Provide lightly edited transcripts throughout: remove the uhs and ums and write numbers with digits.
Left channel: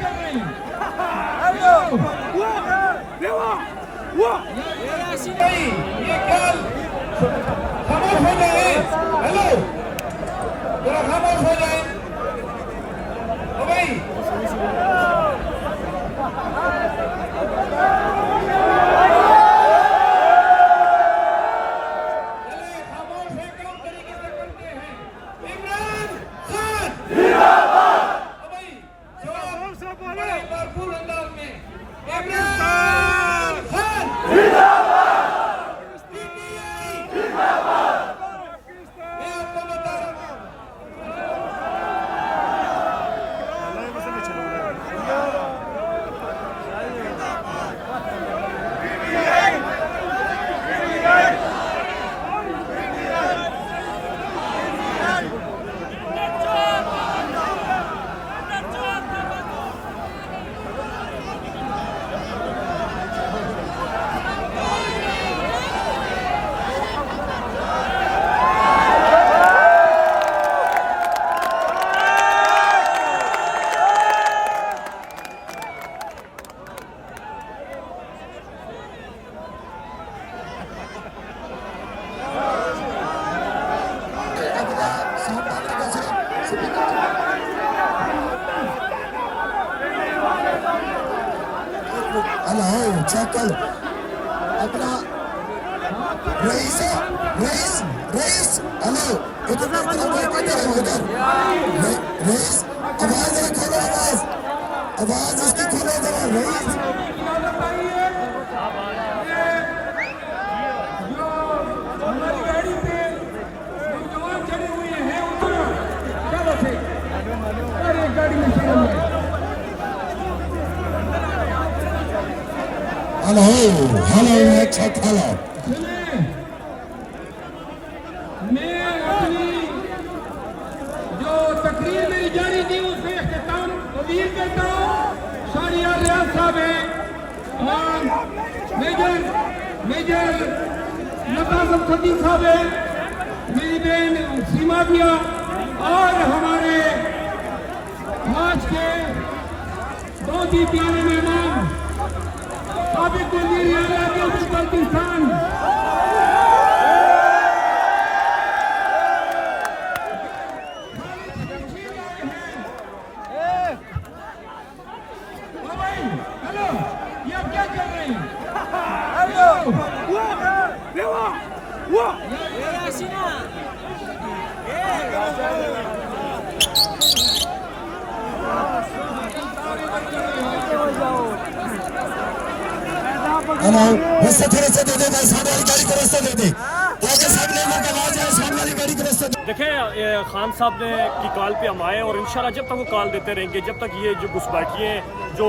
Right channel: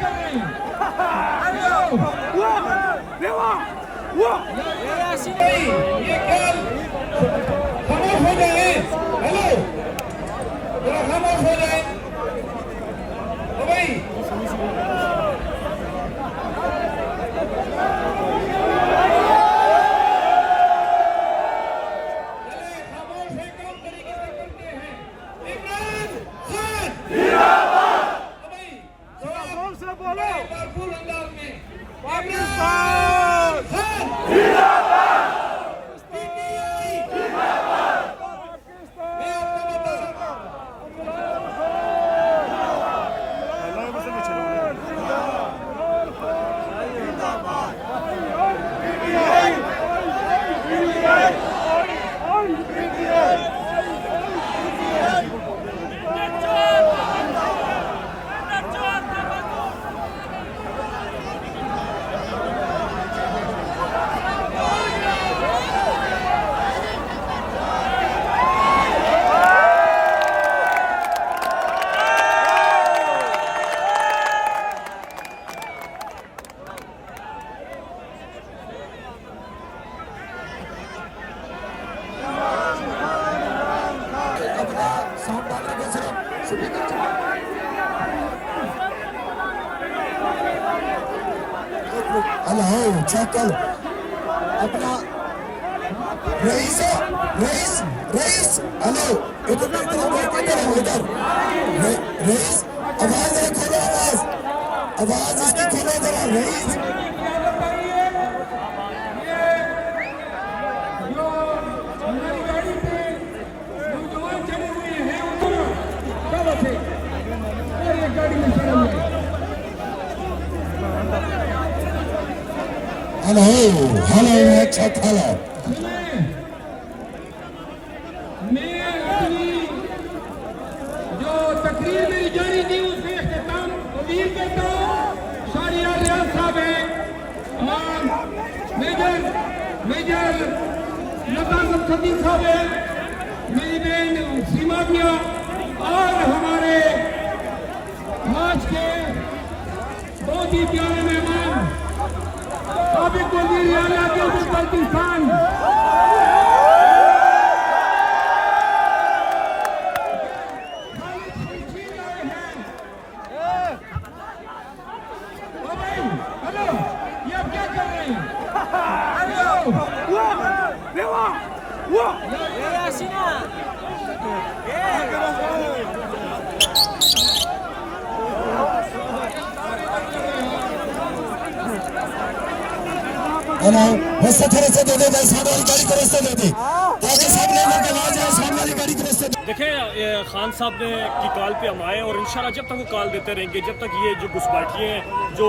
कर रहे हैं? ये ख्याल खामोश हो जाए। हेलो, जरा खामोश हो जाए। ओ भाई, चलिए खामोश है, कम तरीके से करते हैं। इमरान खान जिंदाबाद। ओ भाई, जवाब बड़े भरपूर अंदाज में। इमरान खान जिंदाबाद। पीटीआई जिंदाबाद। मैं आपको बता रहा हूं, हेलो चेकल अपना रईस रईस रईस हेलो इधर इधर रईस आवाज रखो आवाज इसकी खोले दो रईस। क्या बताइए? ये जो हमारी गाड़ी पे नौजवान चढ़े हुए हैं, उनको क्या बचे? और एक गाड़ी में चढ़े हुए हैं। हेलो हेलो चेक हेलो सुनिए, मैं अपनी जो तकरीर मेरी जारी थी उसमें इख्तिताम अपील करता हूँ। शारिया रियाज साहब हैं और मेजर नवाज़ सदीक साहब हैं, मेरी बहन सीमा मियां और हमारे आज के बहुत ही प्यारे मेहमान साबिक वज़ीर आला गिलगित-बल्तिस्तान हेलो, ये आप क्या कर रहे हैं? हेलो रास्ता थोड़ा सा दे दे भाई, सामने वाली गाड़ी को रास्ता दे दे ताकि सब लोगों की आवाज आए, सामने वाली गाड़ी को रास्ता दे। देखें, खान साहब ने की कॉल पे हम आए और इंशाल्लाह जब तक वो कॉल देते रहेंगे, जब तक ये जो घुसपैठिए हैं जो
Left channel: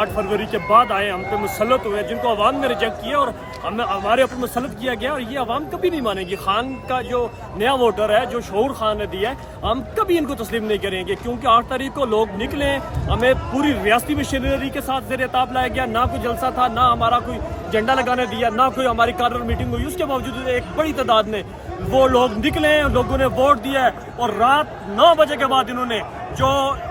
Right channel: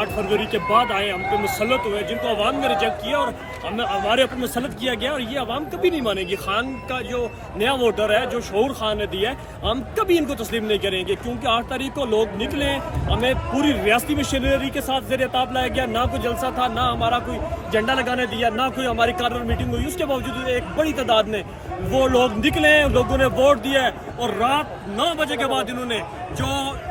8 फरवरी के बाद आए हम पे मुसल्लत हुए, जिनको अवाम ने रिजेक्ट किया और हमारे ऊपर मुसल्लत किया गया, और ये अवाम कभी नहीं मानेगी। खान का जो नया वोटर है, जो शऊर खान ने दिया है, हम कभी इनको तस्लीम नहीं करेंगे, क्योंकि 8 तारीख को लोग निकले, हमें पूरी रियासती मशीनरी के साथ ज़ेर ताब लाया गया, ना कोई जलसा था, ना हमारा कोई झंडा लगाने दिया, ना कोई हमारी कार्य मीटिंग हुई। उसके बावजूद एक बड़ी तादाद में वो लोग निकले, लोगों ने वोट दिया और रात 9 बजे के बाद इन्होंने जो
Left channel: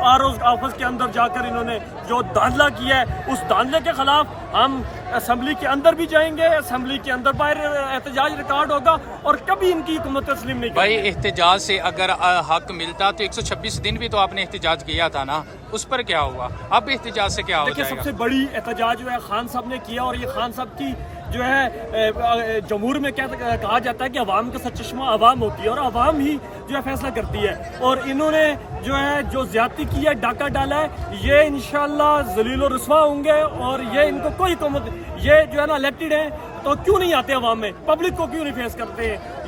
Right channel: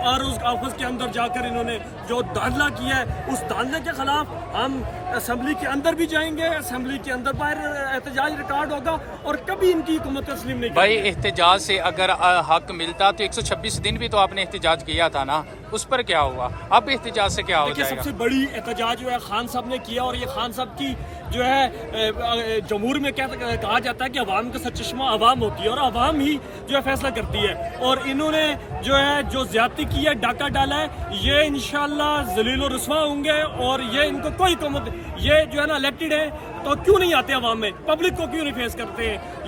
आरओ ऑफिस के अंदर जाकर इन्होंने जो धांधला किया है, उस धांधले के खिलाफ हम असेंबली के अंदर भी जाएंगे, असेंबली के अंदर बाहर एहतजाज रिकॉर्ड होगा और कभी इनकी हुकूमत तस्लीम नहीं भाई। एहतजाज से अगर हक मिलता तो 126 दिन भी तो आपने एहतजाज किया था ना, उस पर क्या हुआ? अब एहतजाज से क्या हो देखिए, जाएगा? सबसे बड़ी एहतजाज जो है खान साहब ने किया, और ये खान साहब की जो है जमहूर में क्या कहा जाता है कि अवाम का सचश्मा अवाम होती है और अवाम ही जो है फैसला करती है, और इन्होंने जो है जो ज्यादती की है, डाका डाला है, ये इंशाल्लाह जलील और रुस्वा होंगे। और ये इनको कोई हुकूमत, ये जो है ना इलेक्टेड है तो क्यों नहीं आते अवाम में, पब्लिक को क्यों नहीं फेस करते?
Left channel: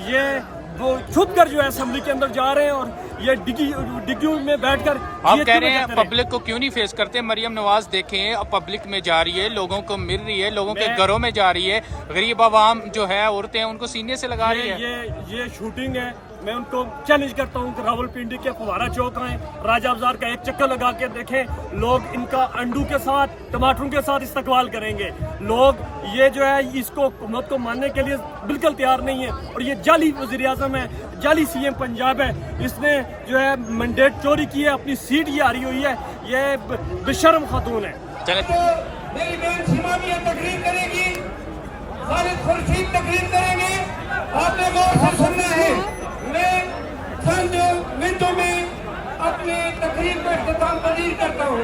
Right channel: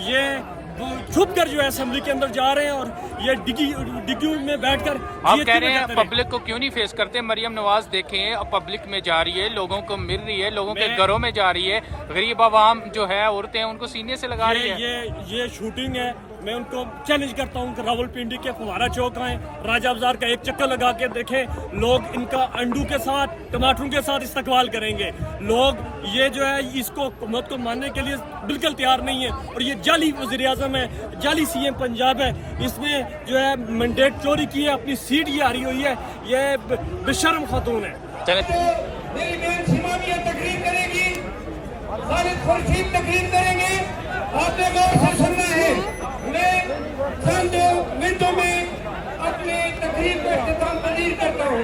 ये वो छुप कर जो है असेंबली के अंदर जा रहे हैं और ये डिग्गी में बैठकर आप कह रहे हैं पब्लिक को क्यों नहीं फेस करते? मरियम नवाज देखें, अब पब्लिक में जा रही है, लोगों को मिल रही है, लोगों के घरों में जा रही है, गरीब आवाम जो है, औरतें हैं, उनको सीने से लगा रही है। ये शूटिंग है, मैं उनको चैलेंज करता हूँ कि रावलपिंडी के फवारा चौक आएँ, राजा बाजार का एक चक्कर लगा के देखें। लोग इनका अंडू के साथ, टमाटरों के साथ इस्तकबाल करेंगे। लोग ये जो है इसको हुकूमत को मानने के लिए बिल्कुल तैयार नहीं है। और ये जाली वज़ीर-ए-आज़म है, जाली CM पंजाब है, इसने जो है मैंडेट चोरी की है, अपनी सीट ये हारी हुई है। ये बेशर्म खातून है। मेरी बहन सीमा भी तकरीर करेगी, खालिद खुर्शीद तकरीर करेंगे। आपने गौर से सुनना है। मैं चंद मिनटों में अपनी तकरीर को इख्तिताम पजीर करता हूँ।